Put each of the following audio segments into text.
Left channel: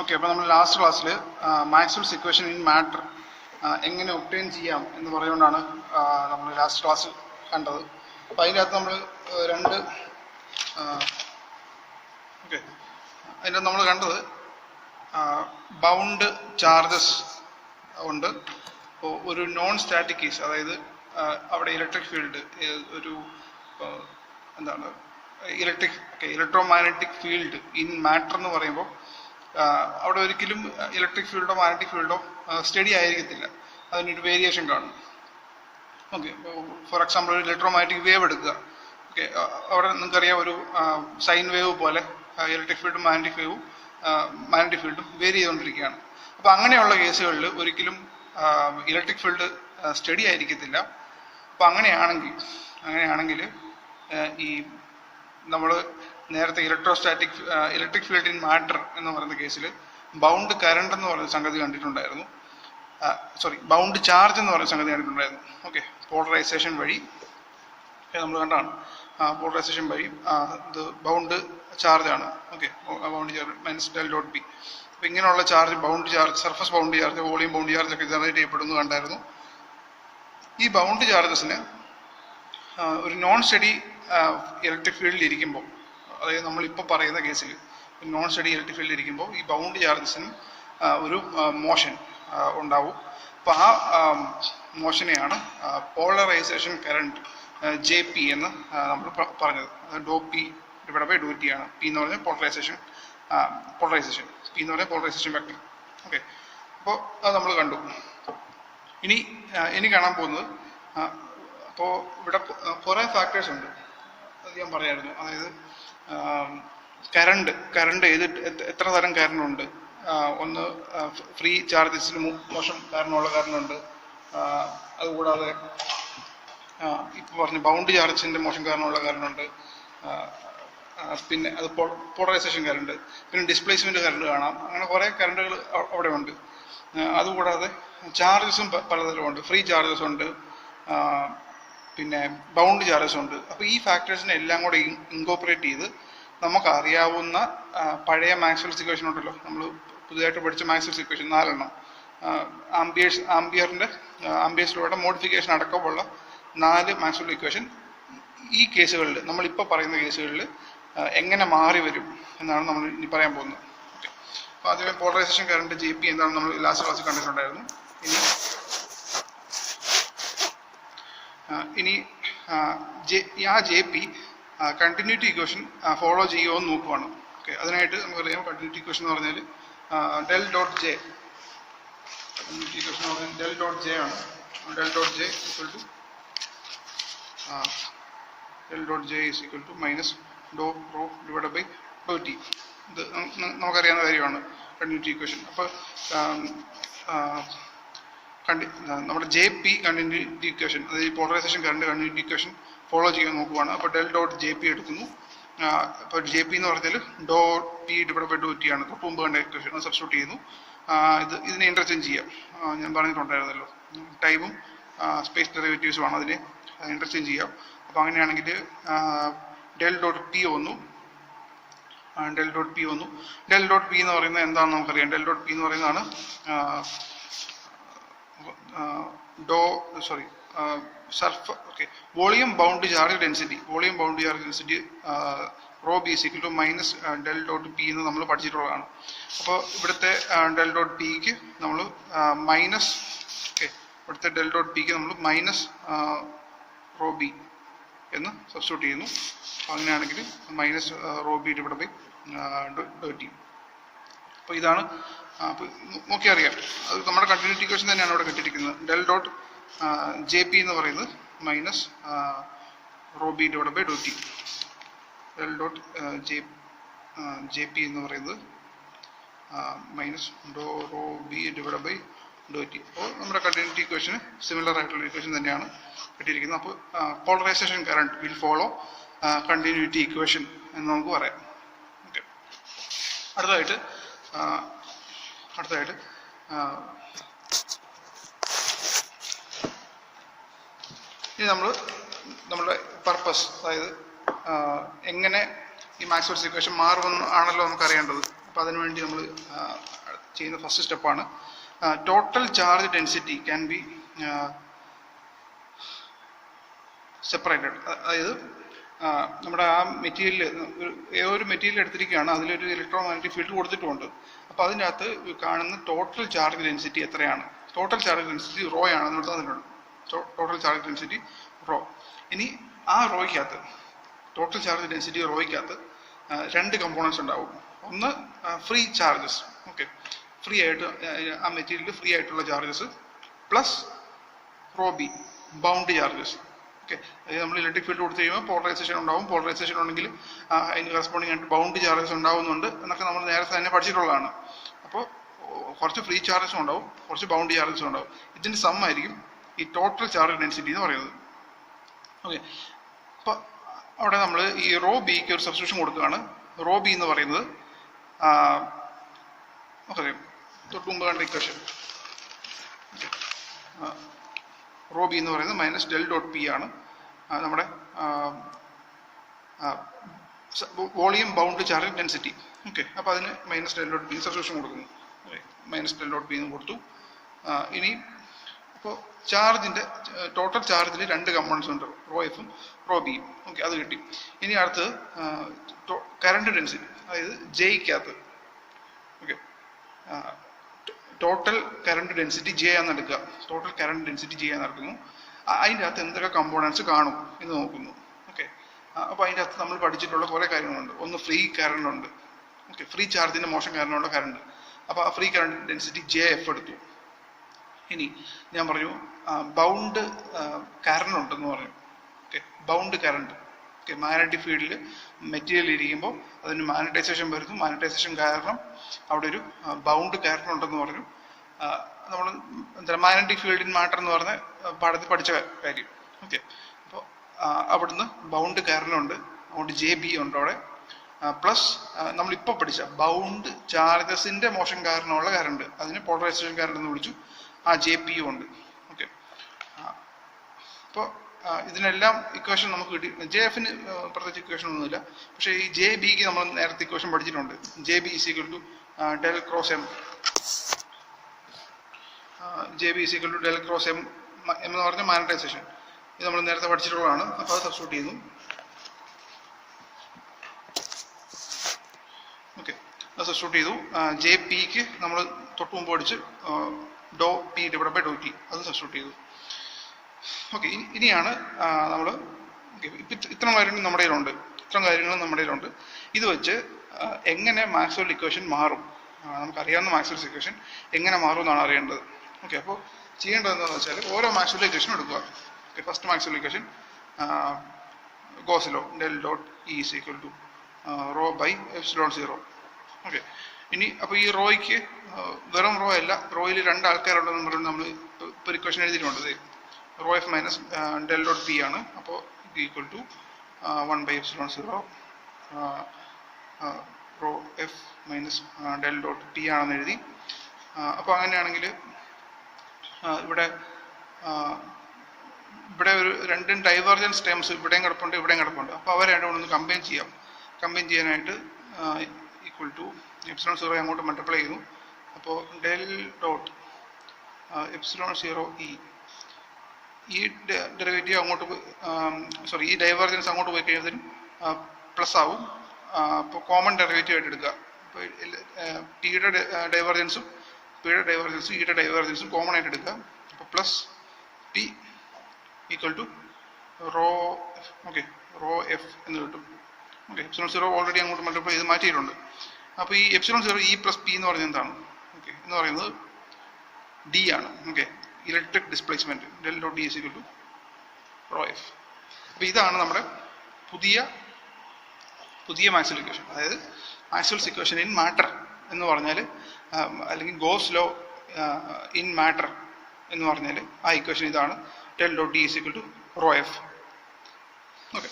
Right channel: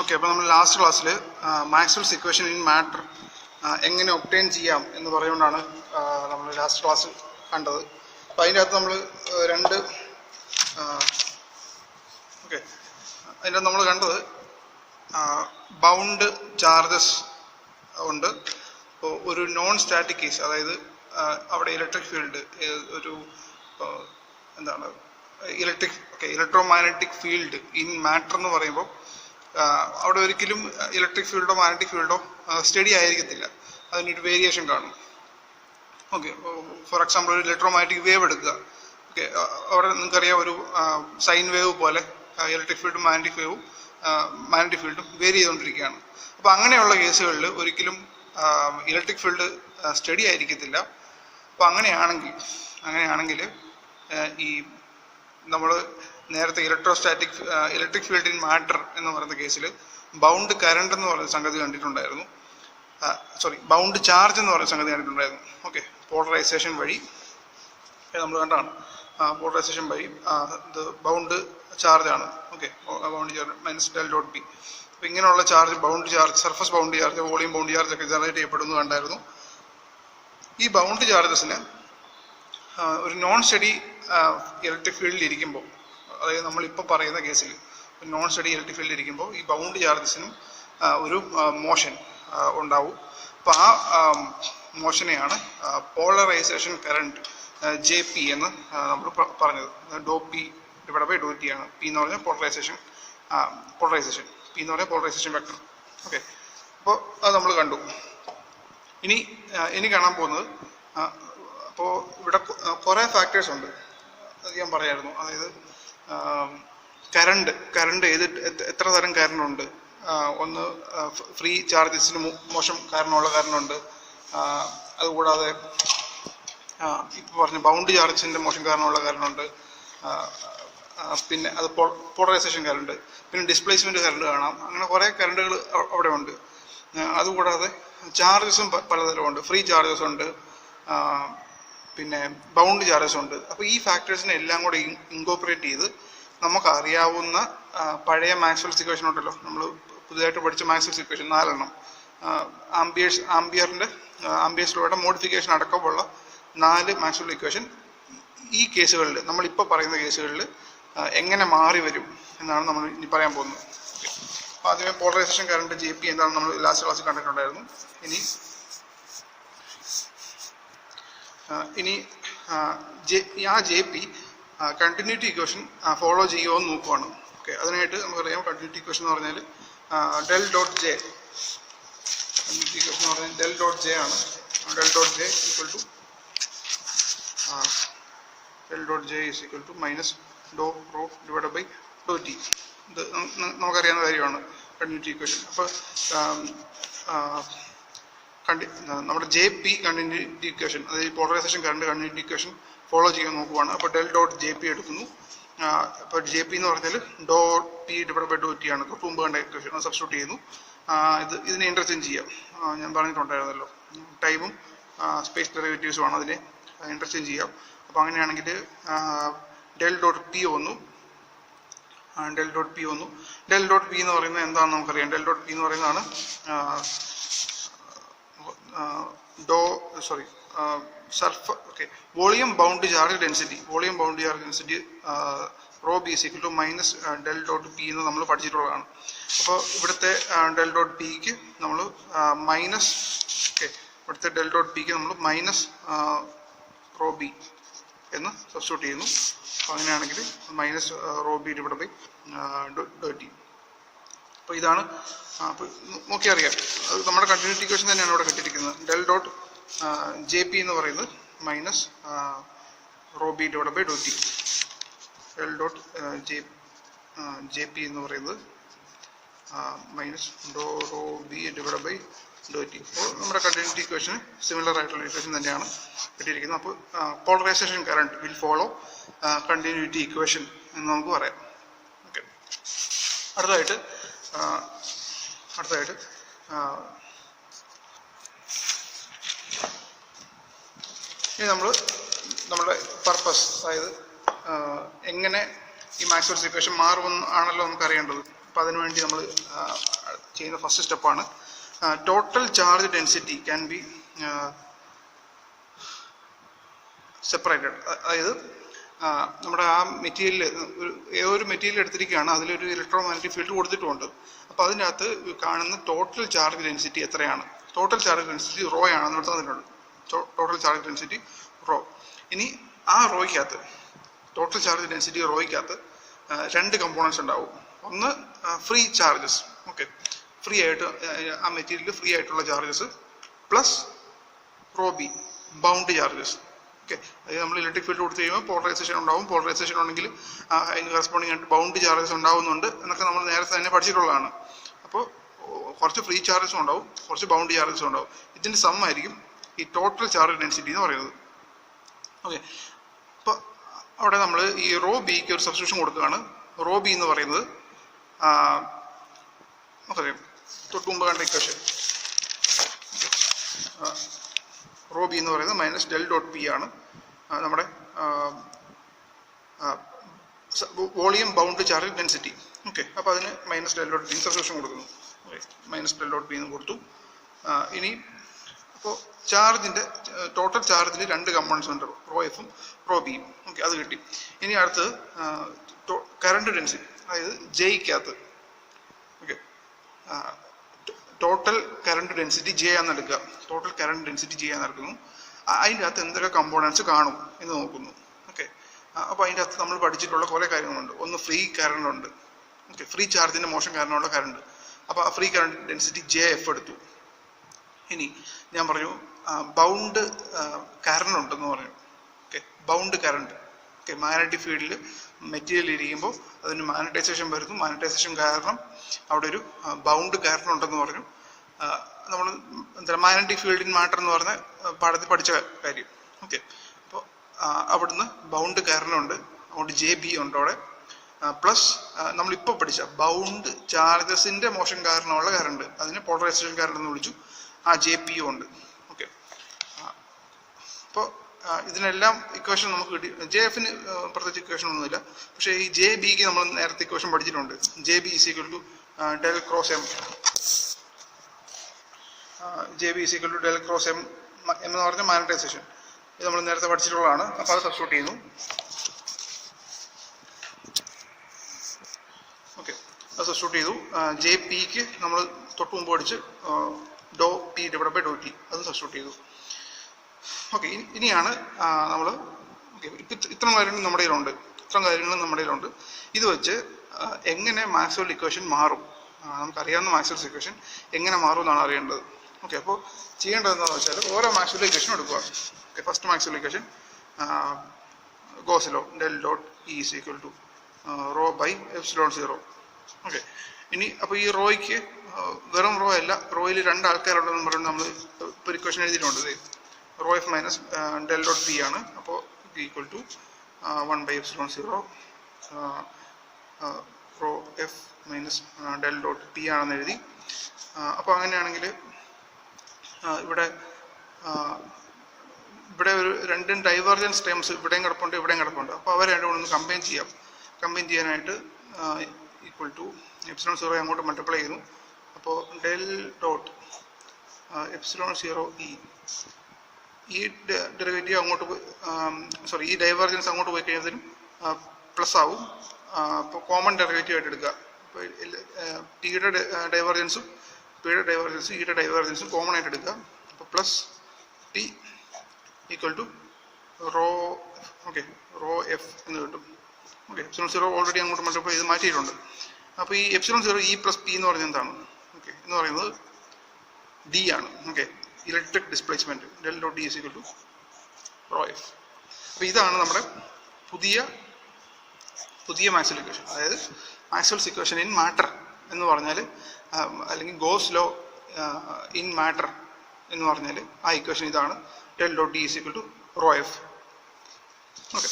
Okay, അപ്പോൾ നമ്മൾ last ക്ലാസ്സിൽ മാക്സ്വെൽസ് ഇക്വേഷൻ ഇൻ മാറ്റർ എങ്ങനെ ഒബ്റ്റെയിൻ ചെയ്യാം എന്ന് പറഞ്ഞുകൊണ്ടാണ് നമ്മൾ ലാസ്റ്റ് ക്ലാസ് കണ്ടത്. അപ്പോൾ അതിൻ്റെ അകത്ത് നമ്മൾ അതിൻ്റെ നമ്മൾ കണ്ടത് ബൗണ്ട് ചാർജസ് ഉണ്ട്. അപ്പോൾ ഒരു നോൺ സ്റ്റാറ്റിക് കേസ്, അതായത് അവിടെ ഇലക്ട്രിക് ഫീൽഡ് ഒരു എന്താണ് ഇലക്ട്രോമാഗ്നറ്റിക് ഫീൽഡ് ഇൻ മാറ്റർ എന്ന് പറയുമ്പോൾ അവിടെ ഒരിക്കലും ഇലക്ട്രിക് ഫീൽഡോ മാഗ്നറ്റിക് ഫീൽഡോ സ്റ്റഡി ആയിരിക്കത്തില്ല, അതിനൊരു വേരിയേഷൻ കാണും. ഓക്കെ, ഫോർ എക്സാമ്പിൾ ഒരു ഇലക്ട്രോമാഗ്നറ്റിക് വേവ് എടുക്കുക. ഓക്കെ, അവിടെ നിങ്ങൾക്കറിയാം ഒരു സൈൻ വേവ് പോലെ ഇലക്ട്രിക് ഫീൽഡും മാഗ്നറ്റിക് ഫീൽഡും വേരി ചെയ്തുകൊണ്ടിരിക്കുകയാണ്. അപ്പോൾ അങ്ങനെയുള്ള കേസുകളിൽ ഒരിക്കലും ഇലക്ട്രിക് ഫീൽഡ് സ്റ്റഡി ആയിരിക്കത്തില്ല. അപ്പോൾ അങ്ങനെയാണെങ്കിൽ ഈ നമ്മൾ നേരത്തെ ഇലക്ട്രിക് ഫീൽഡ് ഇൻ മാറ്റർ എന്ന് പറയുന്ന കേസിൽ ബൗണ്ട് കറണ്ട് എന്ന് പറയുന്ന സംഗതി കണ്ടിട്ടുണ്ടായിരുന്നു. ബൗണ്ട് ചാർജ് എന്ന് പറയുന്ന സംഗതി കണ്ടിട്ടുണ്ടായിരുന്നു. ഓക്കെ, പോളറൈസേഷൻ വഴി നമ്മൾ കണ്ടാണ്. പോളറൈസേഷൻ വഴി ഇത് ബൗണ്ട് ചാർജ് ആണ്. Okay, bound charge minus del dot B. അപ്പോൾ ഇങ്ങനെയുള്ള charge, bound charge, surface bound charge, volume bound charge ഒക്കെ ജനറേറ്റ് ചെയ്യപ്പെടുന്നു കണ്ടായിരുന്നു. ഈ ബൗണ്ട് ചാർജസിന് ഒരു നോൺ സ്റ്റഡി ഇലക്ട്രിക് ഫീൽഡിൽ ഇരിക്കുമ്പോൾ, അതായത് നമ്മളിപ്പോൾ പറയുന്ന കേസിൽ നോൺ സ്റ്റഡി ഇലക്ട്രിക് ഫീൽഡിൽ ഇരിക്കുമ്പോൾ ഈ ബൗണ്ട് ചാർജസിനും ഒരു മോഷൻ ഉണ്ടാവും. അപ്പോൾ ആ മോഷനെയാണ് പോളറൈസേഷൻ കറണ്ട് ജെ പി എന്ന് നമ്മൾ പറഞ്ഞത്. ഡോ P divide by Dr T ആണ്. പി എന്ന് പറഞ്ഞാൽ പോളറൈസേഷൻ, പി എന്ന് പറഞ്ഞാൽ പോളറൈസേഷൻ വെക്ടർ. ഓക്കെ, അപ്പോൾ അത് നമ്മൾ കണ്ടു. ഇനി കാണാൻ പോകുന്നത്, അപ്പോൾ ഇവിടെ കുറേ ഫാക്ടേഴ്സ് ഉണ്ട്, അത് ഞാൻ പറയായിരുന്നു. അതായത് കറണ്ട് എത്ര തരം കറണ്ട് ഉണ്ട്. ഒന്ന് ഫ്രീ ചാർജസിന് മോശം കാരണമുള്ള കറണ്ടുണ്ട്. അതുകൂടാതെ ഇപ്പോൾ പറഞ്ഞ ബൗണ്ട് ചാർജസിൻ്റെ മോശം കാരണമുള്ള കറണ്ടുണ്ട്. പിന്നെ അത് പോളറൈസേഷൻ കറണ്ട്, പിന്നെ ഡിസ്പ്ലേസ്മെൻറ്റ് കറണ്ട് കാണാം. അങ്ങനെ കുറേ കറണ്ടുകൾ അവിടെ ഉണ്ട്. അതുകൂടാതെ ചാർജസും പലതരമുണ്ട്. ഫ്രീ ചാർജസ് ഉണ്ട്, പിന്നെ ബൗണ്ട് ചാർജസ് ഉണ്ട്. അപ്പോൾ ഈ ഫാക്ടേഴ്സിനെ എല്ലാം കൂടെ ഇൻകോപ്പറേറ്റ് ചെയ്ത് നമുക്കറിയാവുന്ന പഴയ മാക്സ്വെൽസ് ഇക്വേഷൻ ഉണ്ടല്ലോ, നമ്മൾ പുതിയതായിട്ട് പഠിച്ച മാക്സ്വെൽസ് ഇക്വേഷൻ 4 ആംബിയേഴ്സിലൂടെ മോഡിഫിക്കേഷൻ അടക്കമുള്ള 4 മാക്സ്വെൽ ഇക്വേഷൻ ഈ കേസുകളിൽ, നമ്മളിപ്പോൾ പറയുന്ന കേസുകളിൽ എങ്ങനെ മാറി വരും എന്നാണ് നമ്മൾ ഇനി പറയാൻ പോകുന്നത്. ഓക്കെ, അപ്പോൾ ആദ്യമേ പോളറൈസേഷൻ കറണ്ട് ജെ പി എന്താണെന്ന് നമ്മൾ ലാസ്റ്റ് ക്ലാസ്സിൽ കണ്ടിട്ടുണ്ടായിരുന്നു. ഇനി ആ J P continuity equation follow ചെയ്യുമോ എന്ന് നോക്കുവാണ്. ഓക്കെ, അതിനായിട്ട് നമുക്കറിയാം കണ്ടിന്യൂറ്റി ഇക്വേഷൻ എന്ന് പറഞ്ഞാൽ del dot J, continuity equation എന്ന് പറഞ്ഞാൽ ഡെൽ ഡോട്ട് ജെ ആണ്. Del dot J is equal to minus doh rho divide by Dr T. ഇത് നമുക്കറിയാവുന്ന കാര്യമാണ് കണ്ടിന്യൂറ്റി ഇക്വേഷൻ. അപ്പോൾ നമ്മുടെ ജെ പി കണ്ടിന്യൂറ്റി ഇക്വേഷൻ, അതായത് polarisation current continuity equation follow ചെയ്യാൻ നോക്കുവാണ്. അപ്പോൾ ഡെൽ ഡോട്ട് ജെ പി എടുക്കുന്നു. ഇപ്പോൾ ജെ പി എന്ന് പറഞ്ഞാൽ ഡോ P divide by Dr T ആണ്. തൊട്ട് മുമ്പ് കണ്ട ഇക്വേഷൻ അത് സബ്സ്റ്റിറ്റ്യൂട്ട് ചെയ്യുന്നു. ഇതിനെ ഇൻ്റർചേഞ്ച് ചെയ്യാം. ഞാൻ പറഞ്ഞിട്ടുണ്ടായിരുന്നല്ലോ, ടൈമും സ്പേസ് ഡെറിവേറ്റീവ്സും ആണ്, അതിനെ ഇൻ്റർചേഞ്ച് ചെയ്യാം. അപ്പോൾ അങ്ങനെയാണെങ്കിൽ ഡെൽ ഡോട്ട് പി വന്നു. ഡെൽ ഡോട്ട് പി എന്ന് പറയുന്നത് എന്താണെന്ന് നമുക്കറിയാം. ഡെൽ ഡോട്ട് പി എന്ന് പറയുന്നതാണ് volume bound charge density. Rho B is equal to minus del dot P എന്ന് നമ്മൾ പഠിച്ചിട്ടുള്ളതാണ്. അപ്പോൾ ഇവിടുത്തെ ഡെൽ ഡോട്ട് പിക്ക് നമ്മൾ മൈനസ്, ഇവിടുത്തെ ഡെൽ ഡോട്ട് പിക്ക് നമ്മൾ മൈനസ് റോ ബി എന്ന് സബ്സ്റ്റിറ്റ്യൂട്ട് ചെയ്യുന്നു. അപ്പോൾ അങ്ങനെയാണെങ്കിൽ minus rho B divide by Dr T. അപ്പോൾ ഇതാണ്, അപ്പോൾ നോക്കി അറിയാം, അത് നമ്മുടെ കണ്ടിന്യൂറ്റി ഇക്വേഷൻ തന്നെയാണ് ഇവിടെ കിട്ടിയിരിക്കുന്നത്. ഡെൽ ഡോട്ട് ജെ പി എന്ന് പറയുന്നത് minus rho B divide by Dr T. Del dot J P എന്ന് പറയുന്നത് minus doh rho B divide by Dr T. അപ്പോൾ നമ്മുടെ കണ്ടിന്യൂറ്റി ഇക്വേഷന് സിമിലർ ആയിട്ടുള്ള ഇക്വേഷൻ തന്നെയാണ് കിട്ടിയിരിക്കുന്നത്. അപ്പോൾ polarisation current will follow continuity equation എന്ന് നമുക്ക് പറയാം. ഓക്കെ, അടുത്തതായിട്ട് ഇനി നമ്മുടെ പർപ്പസ്, അതായത് എങ്ങനെ ഈ മാക്സ്വെൽസ് ഇക്വേഷൻ മാറുമെന്ന് ആണല്ലോ നമുക്ക് അറിയേണ്ടത്. അപ്പോൾ അതിനുവേണ്ടി നമ്മൾ ചെയ്യുന്ന ഫസ്റ്റ് സ്റ്റെപ്പാണ് total charge density can be separated. അതായത് നമ്മുടെ ആ മെറ്റീരിയൽ ഒരു മെറ്റീരിയൽ എടുത്തിരിക്കുകയാണ്, അതിലൊരു ഇലക്ട്രോ മാഗ്നറ്റിക് ഫീൽഡ് കൊടുത്തിട്ടുമുണ്ട്. അപ്പോൾ അതിനകത്ത് കാണുന്ന ടോട്ടൽ ചാർജ് ഡെൻസിറ്റി എത്രയാണ്? ടോട്ടൽ ചാർജ് ഡെൻസിറ്റി റോ ആണെന്ന് തന്നിട്ടുണ്ട്. Total charge density raw. ഇനി ആ റോയ്ക്കകത്ത് ടോട്ടൽ ചാർജ് ഡെൻസിറ്റി റോയ്ക്കകത്ത് രണ്ട് കമ്പോണൻസ് ഉണ്ടാവും. ഒന്ന് ഫ്രീ ചാർജസ്, ഓക്കെ, ഫ്രീ ആയിട്ട് ആ മെറ്റീരിയൽ ഫ്രീ ആയിട്ടുള്ള charges, plus rho B bound charges. Okay, അതായത് നമ്മൾ ഇലക്ട്രിക് ഫീൽഡ് കൊടുത്തു കഴിയുമ്പോൾ പോളറൈസേഷൻ ഉണ്ടാവും. പോളറൈസേഷൻ ഉണ്ടെങ്കിൽ അതിന് കറസ്പോണ്ടിങ് ആയിട്ട് ബൗണ്ട് ചാർജസ് ഉണ്ടാവുന്നുണ്ട് എന്നൊക്കെ നമ്മൾ നേരത്തെ തന്നെ പഠിച്ചിട്ടുള്ളതാണ്. അപ്പോൾ കുറച്ച് ഫ്രീ ചാർജസും ഉണ്ടാവും, കുറച്ച് ബൗണ്ട് ചാർജസും ഉണ്ടാവും. ഇതിൻ്റെ സം ആയിരിക്കും ഈ ടോട്ടൽ ചാർജ് ഡെൻസിറ്റി എന്ന് പറയുന്നത്. ഓക്കെ, അപ്പോൾ അവിടെ നമ്മൾ ഈ റോ ബിക്ക് ഒരു സബ്സ്റ്റിറ്റ്യൂഷൻ കൊടുക്കുകയാണ്. റോ ബി എന്ന് പറയുന്നത് നമുക്കറിയാം, തൊട്ട് മുമ്പ് കണ്ട ഇക്വേഷൻ. റോ ബി എന്ന് പറയുന്നത് മൈനസ് ഡെൽ ഡോട്ട് പി ആണ് നമ്മുടെ volume bound charge density. Okay, അപ്പോൾ അതിന് minus del dot P substitution കൊടുക്കുന്നു. Okay, minus del dot P എന്ന് കൊടുത്തു. ഇനി അപ്പോൾ ചാർജിൻ്റെ ടോട്ടൽ ചാർജിൽ രണ്ട് കമ്പോണൻസ് ഉണ്ട്, റോ എഫും റോ ബിയും. ഓക്കെ, അത് കിട്ടി. ഇനി അടുത്ത് കറണ്ട് ഡെൻസിറ്റി, അതായത് ജെയ്ക്കകത്ത്. Okay, total current density J ആണെന്ന് എടുക്കുക. ടോട്ടൽ കറണ്ട് ഡെൻസിറ്റി ജെ ആണെന്ന് എടുക്കുന്നു. അതിൻ്റെ അകത്ത് എന്തൊക്കെ കമ്പോണൻസ് കാണും എന്ന് നോക്കുന്നു. ഓക്കെ, അപ്പോൾ അതിൻ്റെ അകത്ത് നമ്മൾ പഠിച്ചിട്ടുള്ള കുറേ കാര്യങ്ങളുണ്ട്. ഒന്ന് ഫ്രീ കറണ്ട് ഉണ്ട്. ഓക്കെ, ഫ്രീ ചാർജിൻ്റെ മോഷൻ കാരണമുള്ള കറണ്ട്. അപ്പോൾ ആ free current density J F എടുത്തു. ഇനി ഞാൻ പറഞ്ഞു ബൗണ്ട് കറണ്ട് ഉണ്ടെന്ന് പറഞ്ഞു. Okay, bound current. Okay, magnetic ഫീൽഡിൽ മെറ്റീരിയൽ ഇരിക്കുമ്പോൾ അതിന് മാഗ്നറ്റൈസേഷൻ വരുന്നു. മാഗ്നറ്റൈസേഷൻ കാരണം അവിടെ ഒരു ബൗണ്ട് കറണ്ട് ഉണ്ടെന്ന് പറഞ്ഞു. നമ്മൾ എന്താ മാഗ്നറ്റിക് ഫീൽഡ് ഇൻ മാറ്റർ എന്ന് പറഞ്ഞ പാഠത്തിൽ പഠിച്ച കാര്യം. ഓക്കെ, അപ്പോൾ അവിടുന്ന് ബൗണ്ട് കറണ്ട് ഉണ്ട്, അതുകൊണ്ട് ജെ ബി ഉണ്ട് അവിടെ. പ്ലസ് നമ്മളിപ്പോൾ പഠിച്ച ബൗണ്ട് ചാർജസിൻ്റെ മോഷൻ കാരണമുള്ള കറണ്ട്, അതിന് പോളറൈസേഷൻ കറണ്ട് എന്ന് വിളിച്ചു. ആ ജെ പി ഉണ്ട്. ഓക്കെ, അപ്പോൾ ഇതിനെല്ലാം ഇക്വേഷൻ നമുക്ക് കിട്ടി. ജെ എഫിന് പ്രത്യേകിച്ച് ഇക്വേഷൻ ഒന്നുമില്ല. പക്ഷേ ഈ ജെ ബിക്ക് നമ്മൾ നേരത്തെ ഇക്വേഷൻ പഠിച്ചിട്ടുണ്ട്. J B is equal to del cross M. J B is equal to del cross M എന്ന് പറഞ്ഞ മാഗ്നറ്റൈസേഷൻ. ഇത് നമ്മൾ നേരത്തെ പഠിച്ചിട്ടുള്ളതാണ്. അപ്പോൾ അത് സബ്സ്റ്റിറ്റ്യൂട്ട് ചെയ്യുന്നു. ഓക്കെ, അത് സബ്സ്റ്റിറ്റ്യൂട്ട് ചെയ്തു. ജെ പിക്ക് നമ്മൾ തൊട്ട് മുമ്പ് പഠിച്ച് ഡോ P divide by Dr T, അത് സബ്സ്റ്റിറ്റ്യൂട്ട് ചെയ്തു. ഓക്കെ, ഇനിയാണ് നമ്മൾ ഇത്തരം കാര്യങ്ങൾ നമ്മുടെ കയ്യിലുണ്ട്. ഇത് വെച്ച് എങ്ങനെ മാക്സ്വെൽ ഇക്വേഷൻ മാറും, നമുക്കറിയാവുന്ന മാക്സ്വെൽ ഇക്വേഷൻ എങ്ങനെ മാറും എന്നാണ് അറിയേണ്ടത്. ഓക്കെ, അപ്പോൾ ചെയ്യേണ്ടത് എന്താണെന്ന് വെച്ചാൽ ഓരോ മാക്സ്വെൽ ഇക്വേഷൻ എടുക്കുക. Okay, first Maxwell equation Gauss law del dot E is equal to rho by epsilon 0. Okay, ഇനി അപ്പോൾ ഈ റോയ്ക്ക് വെറും റോ അല്ല, റോയിൽ രണ്ട് ആൾക്കാരുണ്ടെന്ന് പറയുന്നത് നമ്മൾ ഇപ്പോൾ ഇക്വേഷൻ എഴുതിയിട്ടുണ്ട്. Rho F minus del dot P ആണ്. അപ്പോൾ ഇത് equal to 1 by epsilon 0 rho F minus del dot P ആണെന്ന് എഴുതി. അപ്പോൾ അങ്ങനെയാണെങ്കിൽ ഇവിടെ ഒരു രണ്ടും ഡൈവേർജൻസ് ടേംസ് ഇവിടെയും കിടപ്പുണ്ട്, ഇവിടെയും കിടപ്പുണ്ട്. അപ്പോൾ അവർ രണ്ടും ഒന്ന് കമ്പൈൻ ചെയ്യാം. കമ്പൈൻ ചെയ്യാനായിട്ട് ഈക്വൽ ടു എപ്സിലോൺ 0 അങ്ങോട്ട് മൾട്ടിപ്ലൈ ചെയ്യുന്നു. അപ്പോൾ ഡെൽ ഡോട്ട് എപ്സിലോൺ 0 ഈ ഡെറിവേറ്റീവ് അങ്ങോട്ട് ഈ ഡൈവേർജൻസ് അങ്ങോട്ട് പോയി കഴിയുന്നതിനും പ്ലസ് ആവും. അപ്പോൾ കോമൺ ഡെറിവേറ്റീവ് ആയിട്ട് എടുക്കുക. അപ്പോൾ ടിയുടെ ഡൈവേർജൻസും പിയുടെ ഡൈവേർജൻസും ഇയുടെ ഡൈവേർജൻസും കോമൺ ആയിട്ട് എടുക്കുക. അപ്പോൾ plus T equal to rho F എന്ന് കിട്ടും. ഓക്കെ, എപ്സിലോൺ 0 ഓൾറെഡി അങ്ങോട്ട് മൾട്ടിപ്ലൈ ചെയ്ത് മാറ്റിയിട്ടുണ്ട്. അപ്പോൾ ഈ എപ്സിലോൺ 0 ഇ പ്ലസ് പി എന്ന് പറയുന്നത് എന്താണ്? ഓക്കെ, എന്ന് പറയുന്നത് ഡി ആണ്. Okay, electric displacement del dot D is equal to rho F. അപ്പോൾ ഇതാണ് നമ്മുടെ പുതിയ മാക്സ്വെൽ ഇക്വേഷൻ. അതായത് മാക്സ്വെൽസ് ഇക്വേഷൻ ഇൻ മാറ്റർ എന്ന് പറഞ്ഞാൽ, അല്ലെങ്കിൽ ഗോസ് ലോ ഇൻ മാറ്റർ എന്ന് പറഞ്ഞാൽ ആ ഇക്വേഷൻ ഇതാണ്. Del dot D is equal to rho F. Okay,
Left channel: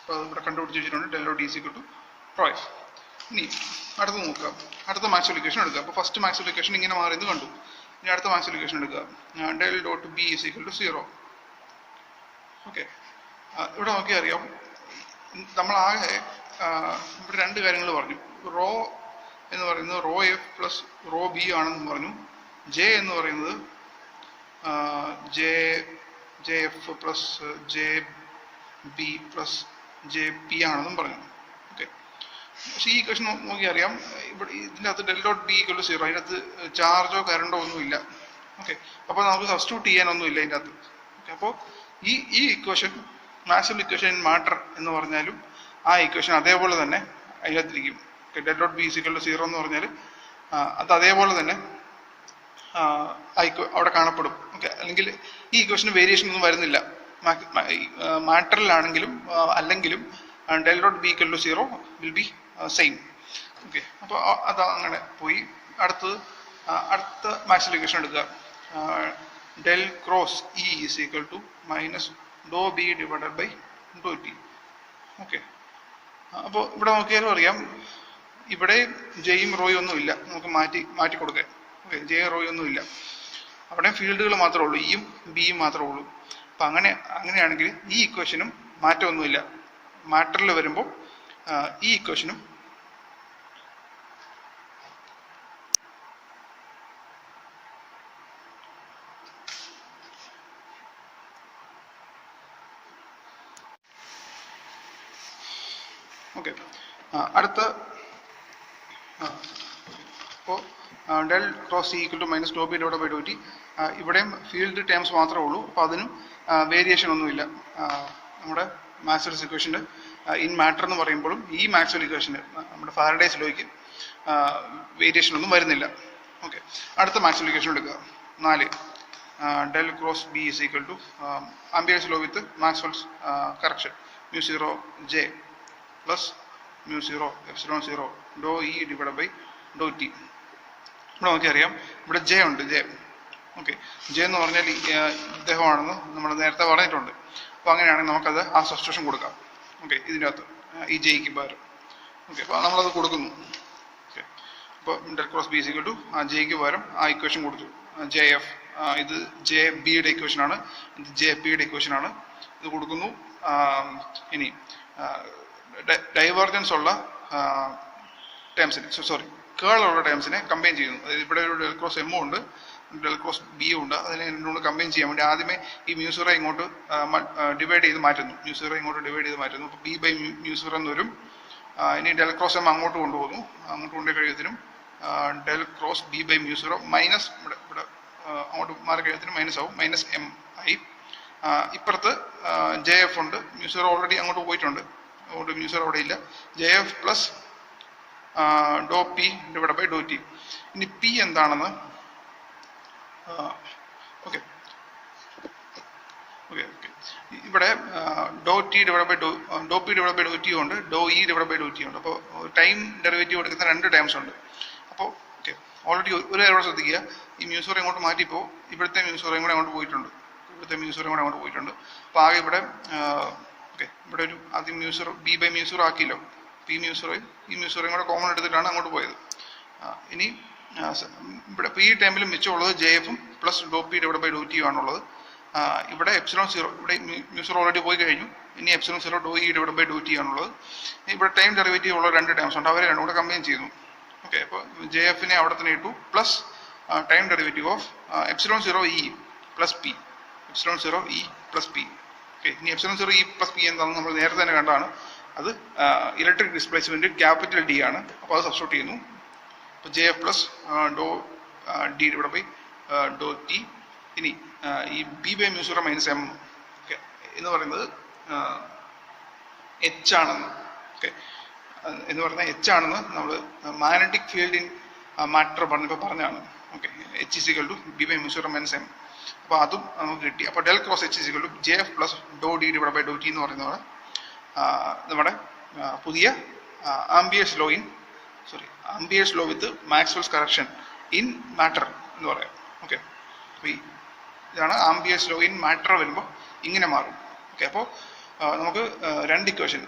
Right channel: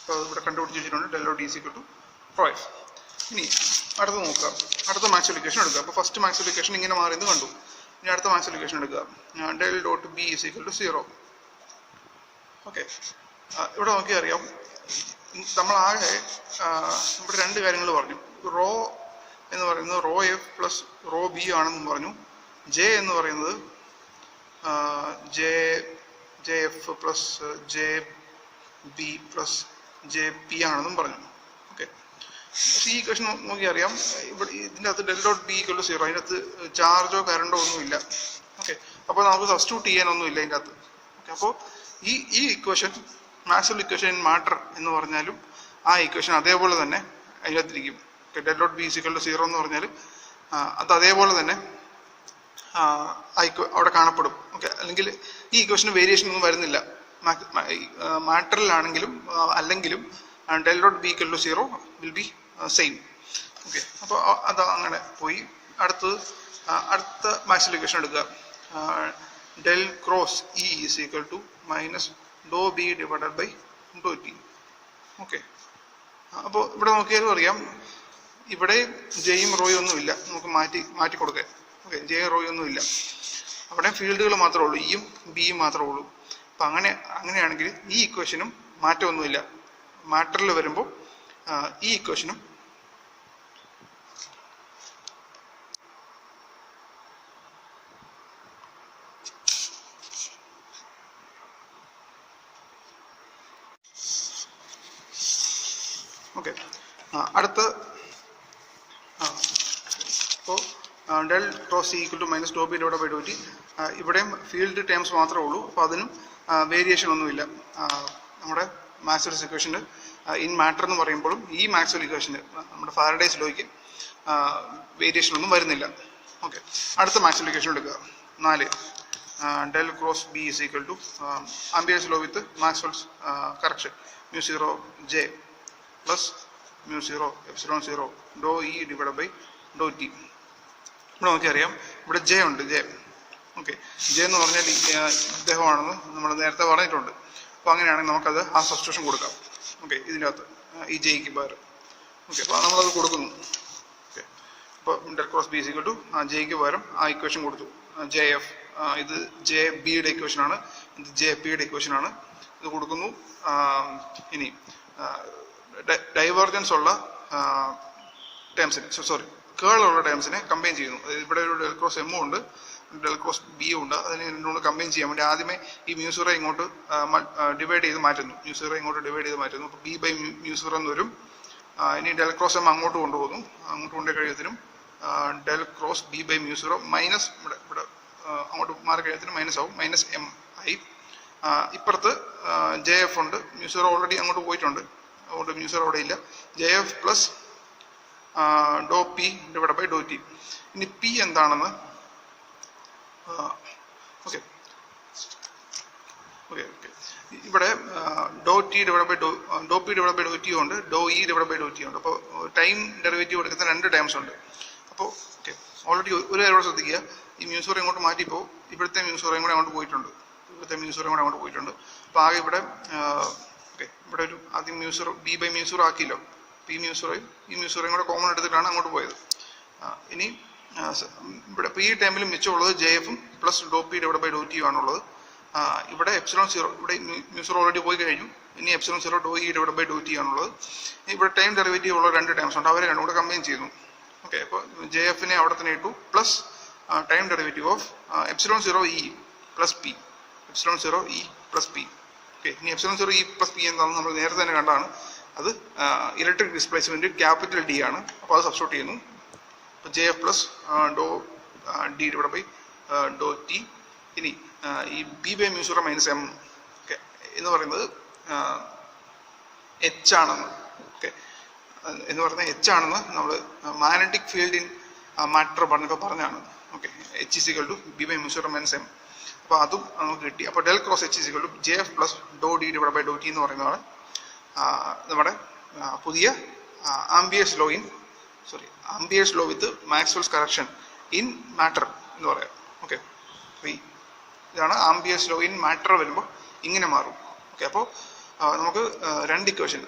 അപ്പോൾ ഇവിടെ കണ്ടുപിടിച്ച് വെച്ചിട്ടുണ്ട് del dot D is equal to rho F. ഇനി അടുത്ത് നോക്കുക, അടുത്ത മാക്സ്വെൽ ഇക്വേഷൻ എടുക്കുക. അപ്പോൾ ഫസ്റ്റ് മാക്സ്വെൽ ഇക്വേഷൻ ഇങ്ങനെ മാറിയെന്ന് കണ്ടു. ഇനി അടുത്ത മാക്സ്വെൽ ഇക്വേഷൻ എടുക്കുക. Del dot B is equal to 0. Okay, ഇവിടെ നോക്കിയാൽ അറിയാം, നമ്മളാകെ ഇവിടെ രണ്ട് കാര്യങ്ങൾ പറഞ്ഞു. റോ എന്ന് പറയുന്നത് raw F plus rho B ആണെന്ന് പറഞ്ഞു. ജെ എന്ന് പറയുന്നത് J F plus J B plus J P ആണെന്നും പറഞ്ഞു. ഓക്കെ, ഈ ഇക്വേഷൻ നോക്കി അറിയാം ഇവിടെ ഇതിൻ്റെ അകത്ത് del dot B equal to 0, അതിനകത്ത് ചാർജോ കറണ്ടോ ഒന്നുമില്ല. ഓക്കെ, അപ്പോൾ നമുക്ക് സബ്സ്റ്റിറ്റ്യൂട്ട് ചെയ്യാനൊന്നുമില്ല ഇതിൻ്റെ അകത്ത്. ഓക്കെ, അപ്പോൾ ഈ equation Maxwell equation in matter എന്ന് പറഞ്ഞാലും ആ ഇക്വേഷൻ അതേപോലെ തന്നെ അതിനകത്തിരിക്കും. Del dot B equal to 0 എന്ന് പറഞ്ഞാൽ അത് അതേപോലെ തന്നെ അവിടെ കാണപ്പെടും. ഓക്കെ, അല്ലെങ്കിൽ ഈ ഇക്വേഷന് വേരിയേഷൻ ഒന്നും വരുന്നില്ല. മാറ്ററിലാണെങ്കിലും അല്ലെങ്കിലും del dot B equal to 0 will be same. Okay, അപ്പോൾ അത് അങ്ങനെ പോയി. അടുത്ത മാക്സ്വെൽ ഇക്വേഷൻ എടുക്കുക. Del cross E is equal to minus do B divided by Dr T. Okay, അപ്പോൾ ഇവിടെ നോക്കിയാലും അറിയാം ഇവിടെ ജെയും റോയും ഒന്നും ഇല്ല, നമുക്ക് മാറ്റി കൊടുക്കാൻ. ഓക്കെ, ജെയും റോയും ഒന്നും ഇല്ല, അവിടെ ഫീൽഡുകൾ മാത്രമേ ഉള്ളൂ, ഇയും ബിയും മാത്രമേ ഉള്ളൂ. അപ്പം അങ്ങനെയാണെങ്കിൽ ഈ ഇക്വേഷനും മാറ്റമൊന്നുമില്ല. മാറ്ററിൽ വരുമ്പോൾ ഈ ഇക്വേഷനും ഓക്കെ അടുത്ത ഇപ്പോൾ del cross C equal to minus do B divide by Dr T. ഇവിടെയും ഫീൽഡ് ടേംസ് മാത്രമേ ഉള്ളൂ, അപ്പോൾ അതിനും വേരിയേഷൻ ഒന്നുമില്ല. നമ്മുടെ മാക്സ്വെൽ ഇക്വേഷന് ഇൻ മാറ്റർ എന്ന് പറയുമ്പോഴും ഈ മാക്സ്വെൽ ഇക്വേഷന് നമ്മുടെ ഫാരഡേസ് ലോയ്ക്ക് വേരിയേഷൻ ഒന്നും വരുന്നില്ല. ഓക്കെ, അടുത്ത മാക്സ്വെൽ ഇക്വേഷൻ എടുക്കുക. 4 del cross B is equal to Ampere's law with Maxwell's correction μ0 J plus μ0 epsilon 0 Dr E divide by Dr T. ഇവിടെ നോക്കിയറിയാം ഇവിടെ ജെ ഉണ്ട്, ജെ. ഓക്കെ, ജെ എന്ന് പറഞ്ഞാൽ ഇദ്ദേഹമാണെന്ന് നമ്മൾ നേരത്തെ പറഞ്ഞിട്ടുണ്ട്. അപ്പോൾ അങ്ങനെയാണെങ്കിൽ നമുക്കത് ആ സബ്സ്റ്റിറ്റ്യൂഷൻ കൊടുക്കാം. ഓക്കെ, ഇതിൻ്റെ അകത്ത് ഈ ജെയ്ക്ക് പകരം. ഓക്കെ, അപ്പോൾ നമ്മളത് കൊടുക്കുന്നു. ഓക്കെ, അപ്പോൾ del cross B equal to ജെയ്ക്ക് പകരം ആ ഇക്വേഷൻ കൊടുത്തു. ജെ എഫ്, ഇത് ജെ ബിയുടെ ഇക്വേഷനാണ്, ഇത് ജെ പിയുടെ ഇക്വേഷനാണ്. ഇത് കൊടുക്കുന്നു. ഇനി ഡൈവേർജൻസ് ഉള്ള ടേംസിനെ, സോറി കേൾ ഉള്ള ടേംസിനെ കമ്പൈൻ ചെയ്യുന്നു. അതായത് ഇവിടെ ഒരു ഡെൽ ക്രോസ് എമ്മും ഉണ്ട്, ഡെൽ ക്രോസ് ബിയും ഉണ്ട്. അതിനെ രണ്ടും കമ്പൈൻ ചെയ്യാൻ വേണ്ടി ആദ്യമേ ഈ μ0 ഇങ്ങോട്ട് ഡിവൈഡ് ചെയ്ത് മാറ്റുന്നു. μ0 ഇങ്ങോട്ട് ഡിവൈഡ് ചെയ്ത് മാറ്റുന്നു. അപ്പോൾ ബി ബൈ μ0 എന്ന് വരും. ഇനി ഡെൽ ക്രോസ് എം അങ്ങോട്ട് കൊണ്ടുപോകുന്നു. അങ്ങോട്ട് കൊണ്ടുപോയി കഴിയുന്നതിനും del cross B by μ0 minus ഇവിടെ അങ്ങോട്ട് മാറി കഴിയുന്നതിനും മൈനസ് ആവും, മൈനസ് എം ആയി. ഇപ്പുറത്ത് ജെ എഫ് ഉണ്ട്, μ0 ഓൾറെഡി അങ്ങോട്ട് പോയിട്ടുണ്ട്, അതുകൊണ്ട് μ0 അവിടെ ഇല്ല. ജെ എഫ് പ്ലസ് ഡോ P divide by Dr T. ഇനി പി എന്താണെന്ന് ഓക്കെ ഓക്കെ ഓക്കെ ഇവിടെ ഡോ ടി ഡിവൈഡ് ബൈ ഡോ P divide by Dr T ഉണ്ട്, ഡോ E divide by Dr T ഉണ്ട്. അപ്പോൾ ടൈം ഡെറിവേറ്റീവ് എടുക്കുന്ന 2 ടേംസ് ഉണ്ട്. അപ്പോൾ ഓക്കെ, ഓൾറെഡി ഒരു കാര്യം കൂടെ ശ്രദ്ധിക്കുക, ഈ μ0 ഇങ്ങോട്ട് മാറ്റിയപ്പോൾ ഇവിടുത്തെ μ0 കൂടെ അങ്ങോട്ട് പോയിട്ടുണ്ട്, ഇവിടുത്തെ μ0 കൂടെ അങ്ങോട്ട് പോയിട്ടുണ്ട്. അപ്പോൾ ആകെ ഇവിടെ ഓക്കെ ഇവിടെ ഒരു ആദ്യം μ0 ബി ബൈ μ0 ആക്കിയല്ലോ. ഈ μ0യും ഈ μ0യും കൂടെ കോമൺ എടുത്തിട്ടാണ് അങ്ങോട്ട് പോയത്. ഇനി ഇവിടെ ഇപ്പോൾ ഈ ടൈമിൽ മിച്ചമുള്ളത് ജെ എഫും പ്ലസ് ഡോ പി ഡിവൈഡ് ബൈ ഡോ ടിയും ആണുള്ളത്. ഇവിടെ എപ്സിലോൺ 0, ഇവിടെ μ0 ഓൾറെഡി പോയി കഴിഞ്ഞു. ഇനി epsilon 0 Dr E divide by Dr T ആണുള്ളത്. ഇവിടെ ടൈം ഡെറിവേറ്റീവ് ഉള്ള 2 ടേംസ് ഉണ്ട്, അവരെ രണ്ടും കൂടെ കമ്പൈൻ ചെയ്യുന്നു. ഓക്കെ, അപ്പോൾ ജെ എഫിനെ അവിടെ തന്നെ ഇട്ടു, plus time derivative of epsilon 0 E plus P, epsilon 0 E plus P. Okay, ഇനി എപ്സിലോൺ 0 ഇ പ്ലസ് പി എന്താണെന്ന് നമ്മൾ നേരത്തെ തന്നെ കണ്ടാണ്. അത് ഇലക്ട്രിക് ഡിസ്പ്ലേസ്മെന്റ് ക്യാപിറ്റൽ ഡി ആണ്. അപ്പോൾ അത് സബ്സ്റ്റിറ്റ്യൂട്ട് ചെയ്യുന്നു. അപ്പോൾ J F plus Dr D divide by Dr T. ഇനി ഈ B by μ0 minus M okay എന്ന് പറയുന്നത് എച്ച് ആണെന്ന്, ഓക്കെ എന്ന് പറയുന്നത് എച്ച് ആണെന്ന് നമ്മൾ മാഗ്നറ്റിക് ഫീൽഡ് ഇൻ മാറ്റർ പറഞ്ഞപ്പോൾ പറഞ്ഞാണ്. Okay, H is equal to B by μ0 minus M. അപ്പോൾ അതും നമുക്ക് കിട്ടി. അപ്പോൾ del cross H is equal to J F plus Dr D divide by Dr T എന്ന് പറയുന്നതാണ് നമ്മുടെ പുതിയ Ampere's law with Maxwell's correction in matter എന്ന് പറയാം. ഓക്കെ, ഇതാണ് ആംബിയേഴ്സ് ലോ ഇൻ മാറ്റർ വരുമ്പോൾ ഇങ്ങനെ മാറും. ഓക്കെ, അപ്പോൾ നമുക്ക് 2 ഇക്വേഷൻ,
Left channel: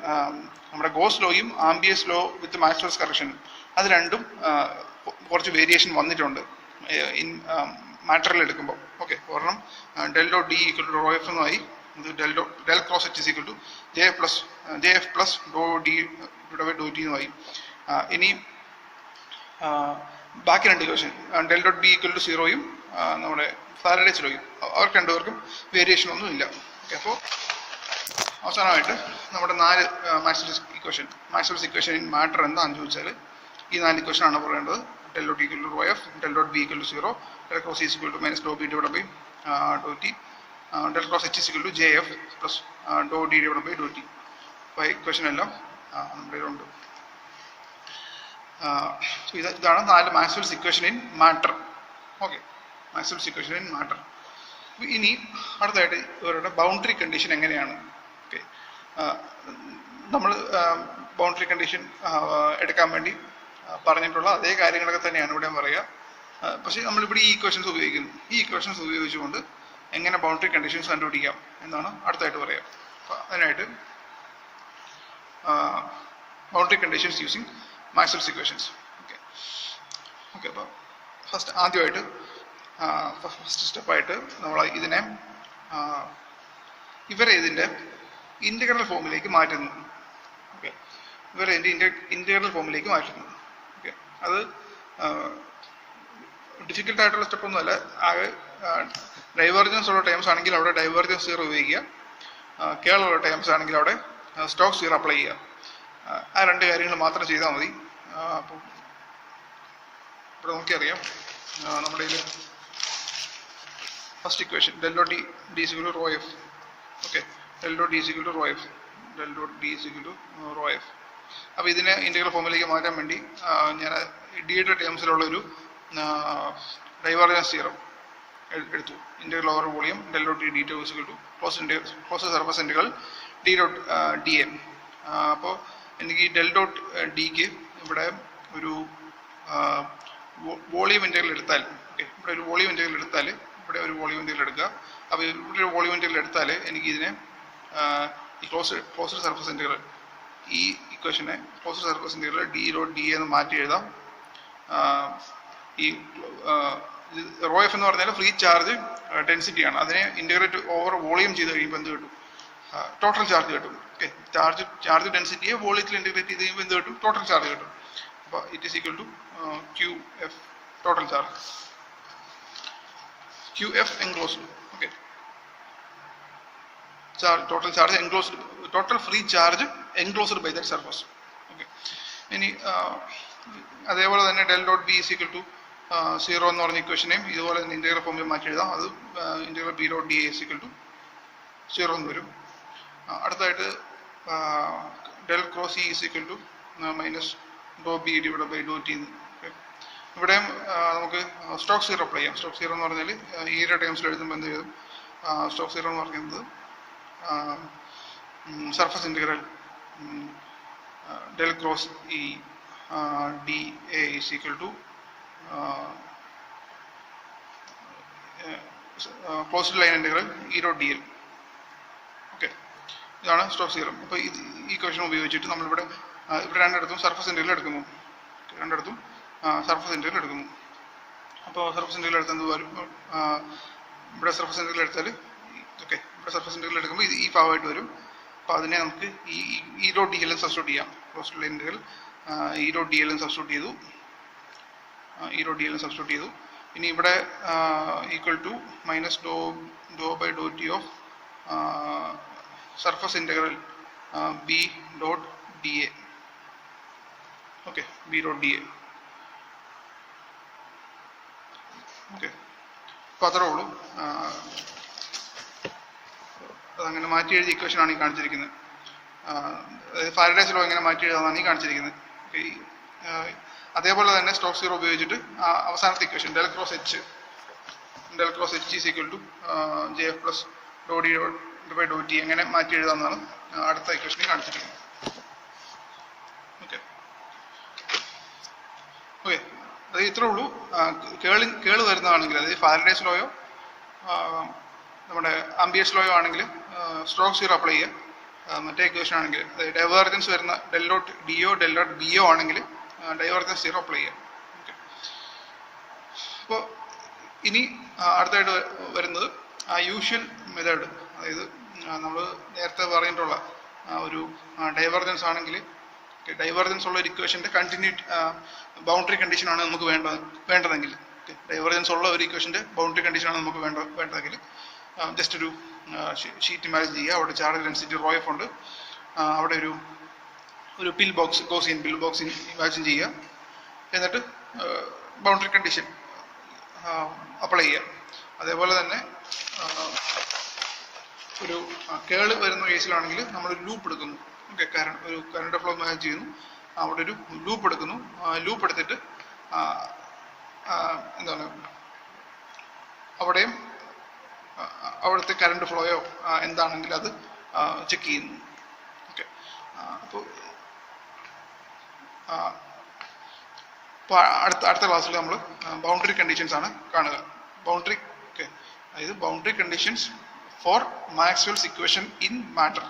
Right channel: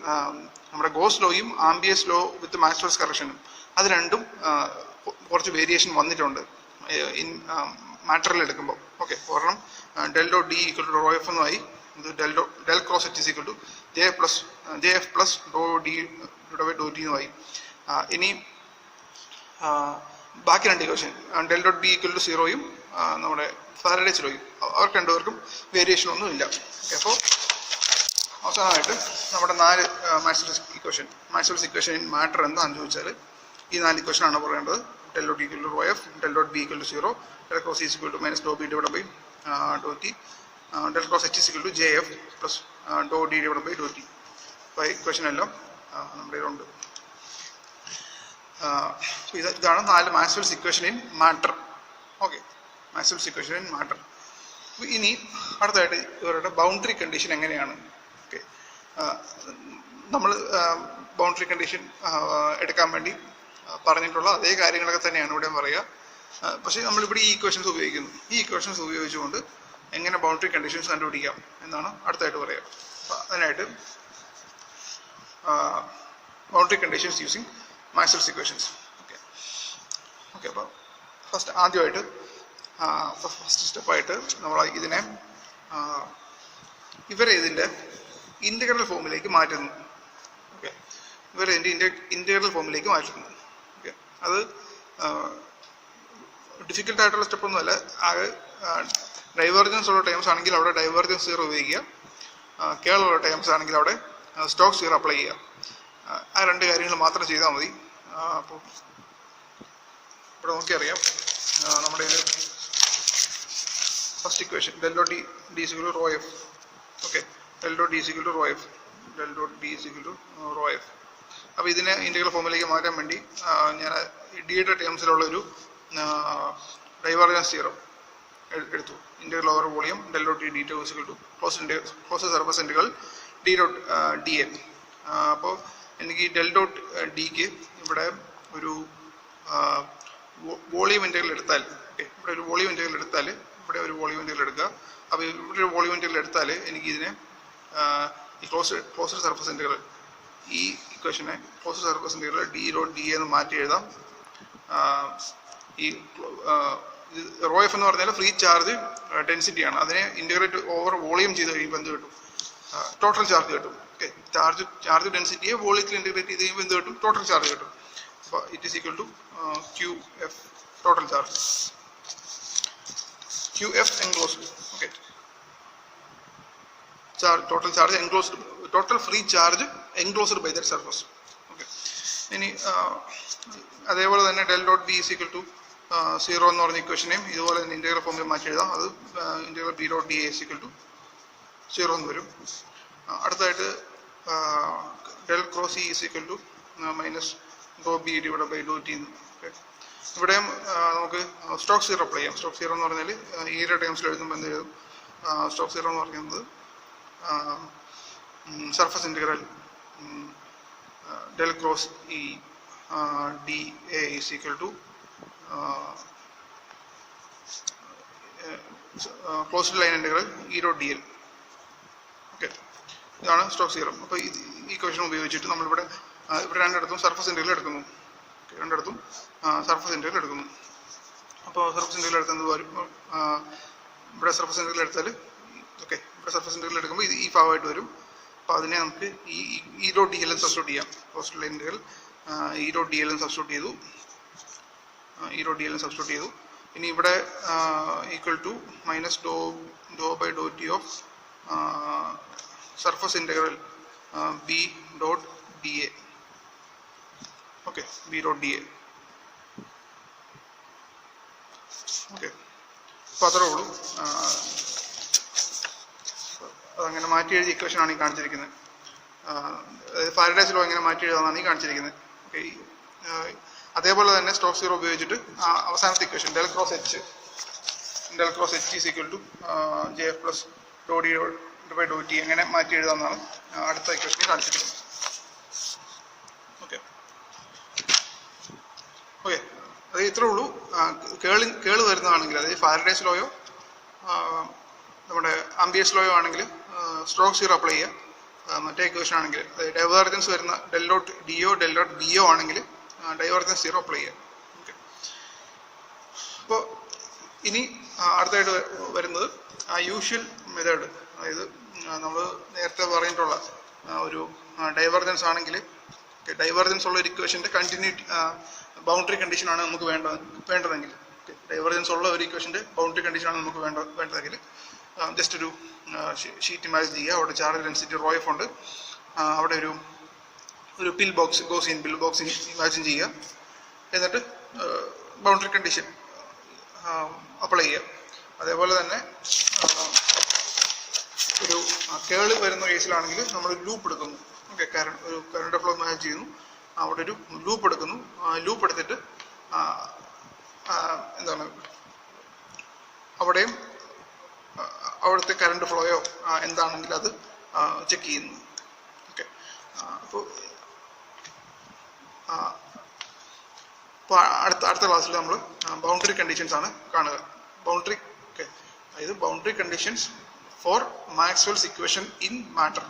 നമ്മുടെ goes ലോയും amperes law with Maxwell's കറക്ഷനും, അത് രണ്ടും കുറച്ച് വേരിയേഷൻ വന്നിട്ടുണ്ട് ഇൻ മാറ്ററിൽ എടുക്കുമ്പോൾ. ഓക്കെ, ഒരെണ്ണം ഡെൽ ഡോ D equal to rho F എന്നുമായി, ഇത് del cross H equal to J F plus Dr D divide by Dr T എന്നുമായി. ഇനി ബാക്കി രണ്ട് equation del dot B equal to സീറോയും നമ്മുടെ ഫാരഡേസ് ലോയും അവർക്ക് രണ്ടുപേർക്കും വേരിയേഷൻ ഒന്നും ഇല്ല. ഓക്കെ, അപ്പോൾ അവസാനമായിട്ട് നമ്മുടെ 4 മാക്സ്വെൽസ് ഇക്വേഷൻ ഇൻ മാറ്റർ എന്താണെന്ന് ചോദിച്ചാൽ ഈ 4 ഇക്വേഷനാണ് പറയേണ്ടത്. Del dot equal to rho F, del dot B equal to zero, del cross is equal to minus do B divide by Dr T, del cross H is equal to J F plus Dr D divide by Dr T. അപ്പോൾ equation എല്ലാം നമ്മുടെ ഇതിലുണ്ട്. ഇതാണ് 4 Maxwell's equation in matter. Okay, Maxwell's equation in matter. ഇനി അടുത്തായിട്ട് ഇവരുടെ boundary condition എങ്ങനെയാണ്? Okay, നമ്മൾ ബൗണ്ടറി കണ്ടീഷൻ എടുക്കാൻ വേണ്ടി പറഞ്ഞിട്ടുള്ള അതേ കാര്യങ്ങളൊക്കെ തന്നെയാണ് ഇവിടെ പറയുക. പക്ഷേ നമ്മളിവിടെ ഈ ഇക്വേഷൻസ് ഉപയോഗിക്കുന്നു. ഈ ഇക്വേഷൻസ് ഉപയോഗിച്ചുകൊണ്ട് എങ്ങനെ ബൗണ്ടറി കണ്ടീഷൻസ് കണ്ടുപിടിക്കാം എന്നാണ് അടുത്തായിട്ട് പറയുക. അപ്പോൾ അതിനായിട്ട് boundary conditions using Maxwell's equations. Okay, അപ്പോൾ ആദ്യമായിട്ട് ഫസ്റ്റ് സ്റ്റെപ്പായിട്ട് നമ്മൾ ഇതിനെ ഇതിൻ്റെ ഇൻ്റഗ്രൽ ഫോമിലേക്ക് മാറ്റുന്നു. ഓക്കെ, ഇൻ്റഗ്രൽ ഫോമിലേക്ക് മാറ്റുന്നു. ഓക്കെ, അത് ഡിഫിക്കൽട്ടായിട്ടുള്ള സ്റ്റെപ്പൊന്നുമല്ല. ആകെ ഡൈവേർജൻസ് ഉള്ള ടൈംസ് ആണെങ്കിൽ അവിടെ ഡൈവേർജൻസ് സീറോ ഉപയോഗിക്കുക, കേളുള്ള ടൈംസ് ആണെങ്കിൽ അവിടെ സ്റ്റോക്ക് സീറോ അപ്ലൈ ചെയ്യുക. ആ 2 കാര്യങ്ങൾ മാത്രം ചെയ്താൽ മതി. അപ്പോൾ ഇവിടെ നോക്കിയറിയാം, നമ്മുടെ ഇതിൽ first equation del dot D is equal to rho F. Okay, del dot D is equal to rho F, del dot D is equal to rho F. അപ്പോൾ ഇതിനെ ഇൻ്റഗ്രൽ ഫോമിലേക്ക് മാറ്റാൻ വേണ്ടി ഞാൻ ഡിയുടെ ടേംസിലുള്ളൊരു ഡൈവേർജൻസ് തിയറം എടുത്തു. Integral over volume del dot D to is equal to close surface integral D dot D A. അപ്പോൾ എനിക്ക് ഈ ഡെൽ ഡോട്ട് ഡിക്ക് ഇവിടെ ഒരു വോളിയം ഇൻ്റഗ്രൽ എടുത്താൽ, ഇവിടെ ഒരു വോളിയം ഇൻ്റഗ്രൽ എടുത്താൽ, ഇവിടെ ഒരു വോളിയം ഇൻ്റഗ്രൽ എടുക്കുക. അപ്പോൾ ഇവിടെ ഒരു വോളിയം ഇൻ്റഗ്രൽ എടുത്താൽ എനിക്ക് ഇതിനെ ഈ ക്ലോസ്ഡ് സർഫസ് ഇൻ്റഗ്രൽ, ഈ ഇക്വേഷനെ closed surface integral D dot D എന്ന് മാറ്റി എഴുതാം. ഈ റോ എഫ് എന്ന് പറഞ്ഞാൽ ഫ്രീ ചാർജ് ഡെൻസിറ്റിയാണ്. അതിനെ ഇൻ്റഗ്രേറ്റ് ഓവർ വോളിയം ചെയ്ത് കഴിയുമ്പോൾ എന്ത് കിട്ടും? ടോട്ടൽ ചാർജ് കിട്ടും. ഓക്കെ, ചാർജ് ഡെൻസിറ്റിയെ വോളിയത്തിൽ ഇൻ്റഗ്രേറ്റ് ചെയ്ത് കഴിയുമ്പോൾ എന്ത് കിട്ടും? ടോട്ടൽ ചാർജ് കിട്ടും. അപ്പോൾ it is equal to Q F total charge, Q F enclosed. Okay, total charge enclosed, total free charge enclosed by that surface. Okay, ഇനി അതേപോലെ തന്നെ del dot B is equal to zero എന്ന് പറഞ്ഞ ഇക്വേഷനെയും ഇതുപോലെ തന്നെ integral ഫോമിൽ മാറ്റി എഴുതാം. അത് integral B dot D is equal to zero എന്ന് വരും. അടുത്തായിട്ട് del cross E is equal to minus do B divide by Dr T. ഇവിടെയും നമുക്ക് സ്റ്റോക്ക് സീറോ അപ്ലൈ ചെയ്യാം. സ്റ്റോക്ക് സീറോ എന്ന് പറഞ്ഞാൽ ഈയുടെ ടേംസിൽ എഴുതുമ്പോൾ എന്ത് എഴുതും? സ്റ്റോക്ക് സീറോ എന്ന് പറയുന്നത് surface integral del cross E D A is equal to closed line integral E dot D L. Okay, ഇതാണ് സ്റ്റോക്ക് സീറം. അപ്പോൾ ഈ ക്വസ്റ്റൻ ഉപയോഗിച്ചിട്ട് നമ്മളിവിടെ രണ്ടിടത്തും സർഫസ് ഇൻ്റഗ്രൽ എടുക്കുന്നു. രണ്ടിടത്തും സർഫസ് ഇൻ്റഗ്രൽ എടുക്കുന്നു. അപ്പോൾ സർഫസ് ഇൻ്റഗ്രൽ എടുത്തത് വരും, ഇവിടെ സർഫസ് ഇൻ്റഗ്രൽ എടുത്താൽ, ഓക്കെ, ഇവിടെ സർഫസ് ഇൻ്റഗ്രൽ എടുക്കുമ്പോൾ ഇത് ഈ ഭാഗമായിട്ട് വരും. അപ്പോൾ അതിനെ നമുക്ക് ഈ ഡോട്ട് ഡി എല്ലും സബ്സ്റ്റിറ്റ്യൂട്ട് ചെയ്യാം. Closed line integral E dot D എല്ലും സബ്സ്റ്റിറ്റ്യൂട്ട് ചെയ്തു, ഈ ഡോട്ട് ഡി എല്ലും സബ്സ്റ്റിറ്റ്യൂട്ട് ചെയ്തു. ഇനി ഇവിടെ equal to minus do by Dr T of surface integral B dot D A. Okay, B dot D A. Okay, അപ്പോൾ അത്രേ ഉള്ളൂ. അതങ്ങനെ മാറ്റി എഴുതിയ ഇക്വേഷനാണ് ഈ കാണിച്ചിരിക്കുന്നത്. അതായത് ഫാരഡേസ് ലോ എങ്ങനെ മാറ്റി എഴുതാമെന്നാണ് ഈ കാണിച്ചിരിക്കുന്നത്. ഓക്കെ, അതേപോലെ തന്നെ സ്റ്റോക്ക് സീറോ ഉപയോഗിച്ചിട്ട് അവസാനത്തെ equation del cross H is equal to J F plus Dr D by Dr T എങ്ങനെ മാറ്റി എഴുതാമെന്നാണ് അടുത്ത ഇക്വേഷനിൽ കാണിച്ചിരിക്കുന്നത്. ഓക്കെ, ഓക്കെ, അത് ഇത്രേ ഉള്ളൂ. കേള് വരുന്നതാണെങ്കിൽ, അതായത് ഫാരഡേസ് ലോയോ നമ്മുടെ ആംബിയസ് ലോയോ ആണെങ്കിൽ സ്റ്റോക്ക് സീറോ അപ്ലൈ ചെയ്യുക. മറ്റേ ഇക്വേഷൻ ആണെങ്കിൽ ഡൈവേർജൻസ് വരുന്ന del dot D O del dot B O ആണെങ്കിൽ ഡൈവേർജൻസ് സീറോ അപ്ലൈ ചെയ്യുക. ഓക്കെ, അപ്പോൾ ഇനി അടുത്തായിട്ട് വരുന്നത് യൂഷ്വൽ മെത്തേഡ്. അതായത് നമ്മൾ നേരത്തെ പറഞ്ഞിട്ടുള്ള ഒരു ഡൈവേർജൻസ് ആണെങ്കിൽ ഓക്കെ, ഡൈവർജൻസ് ഉള്ള ഒരു ഇക്വേഷൻ്റെ ബൗണ്ടറി കണ്ടീഷനാണ് നമുക്ക് വേണ്ടതെങ്കിൽ, ഓക്കെ, ഡൈവർജൻസ് ഉള്ള ഒരു ഇക്വേഷൻ്റെ ബൗണ്ടറി കണ്ടീഷനാണ് നമുക്ക് വേണ്ടതെങ്കിൽ ജസ്റ്റ് ഒരു ഷീറ്റ് ഇമാജിൻ ചെയ്യുക. അവിടെ ചാർജ് ഡെൻസിറ്റി റോ എഫ് ഉണ്ട്. അവിടെ ഒരു പിൽ ബോക്സ്, ഗോസിയൻ പിൽ ബോക്സ് ഇമാജിൻ ചെയ്യുക. എന്നിട്ട് ബൗണ്ടറി കണ്ടീഷൻ അപ്ലൈ ചെയ്യുക. അതേപോലെ തന്നെ ഒരു കേള് വരുന്ന കേസിലാണെങ്കിൽ നമ്മൾ ലൂപ്പ് എടുക്കുന്നു. ഓക്കെ, ഒരു കറണ്ട് ഫ്ലോ ഇമാജിൻ ചെയ്യുന്നു. അവിടെ ഒരു ലൂപ്പ് എടുക്കുന്നു. ലൂപ്പ് എടുത്തിട്ട് എന്താണ് അവിടുത്തെ കറണ്ട് ഫ്ലോയോ എന്താണെങ്കിൽ അത് ചെക്ക് ചെയ്യുന്നു. ഓക്കെ, അപ്പോൾ അടുത്ത ക്ലാസ്സിൽ നമ്മൾ ബൗണ്ടറി കണ്ടീഷൻസ് ആണ് കാണുക. ബൗണ്ടറി, ഓക്കെ, അതായത് boundary conditions for Maxwell's equation in matter.